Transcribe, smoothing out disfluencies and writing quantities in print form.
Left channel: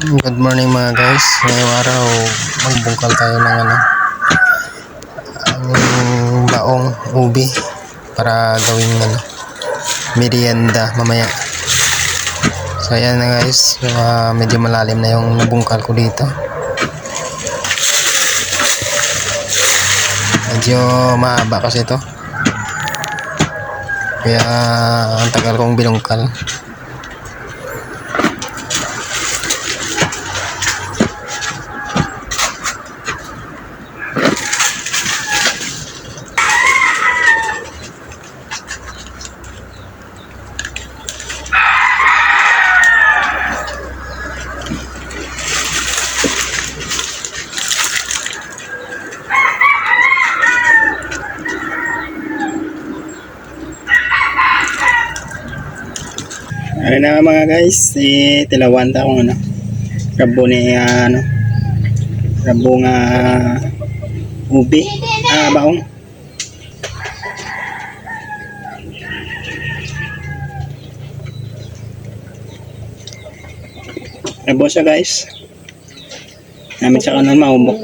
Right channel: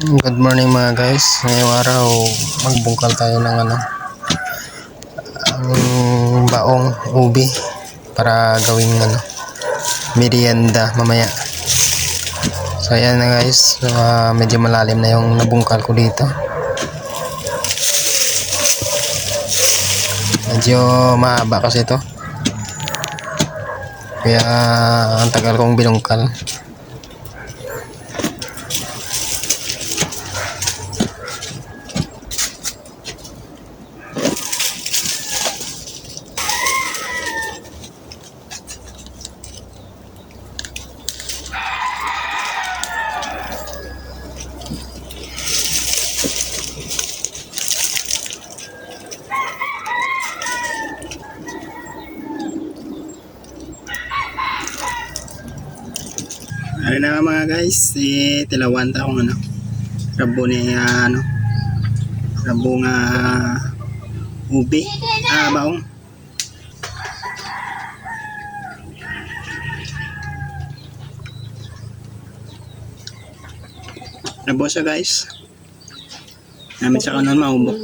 Good morning mga guys. Ngayong araw magbungkal tayo ng ang baong ubi para gawing merienda mamaya. So ayan na guys, medyo malalim na yung nabungkal ko dito. Medyo mahaba kasi ito. Kaya ang tagal kong binungkal. Ano na nga mga guys, tilawan ta akong rabo ni rabo nga ubi, baong. Rabo siya guys. Namin siya kanon maumok.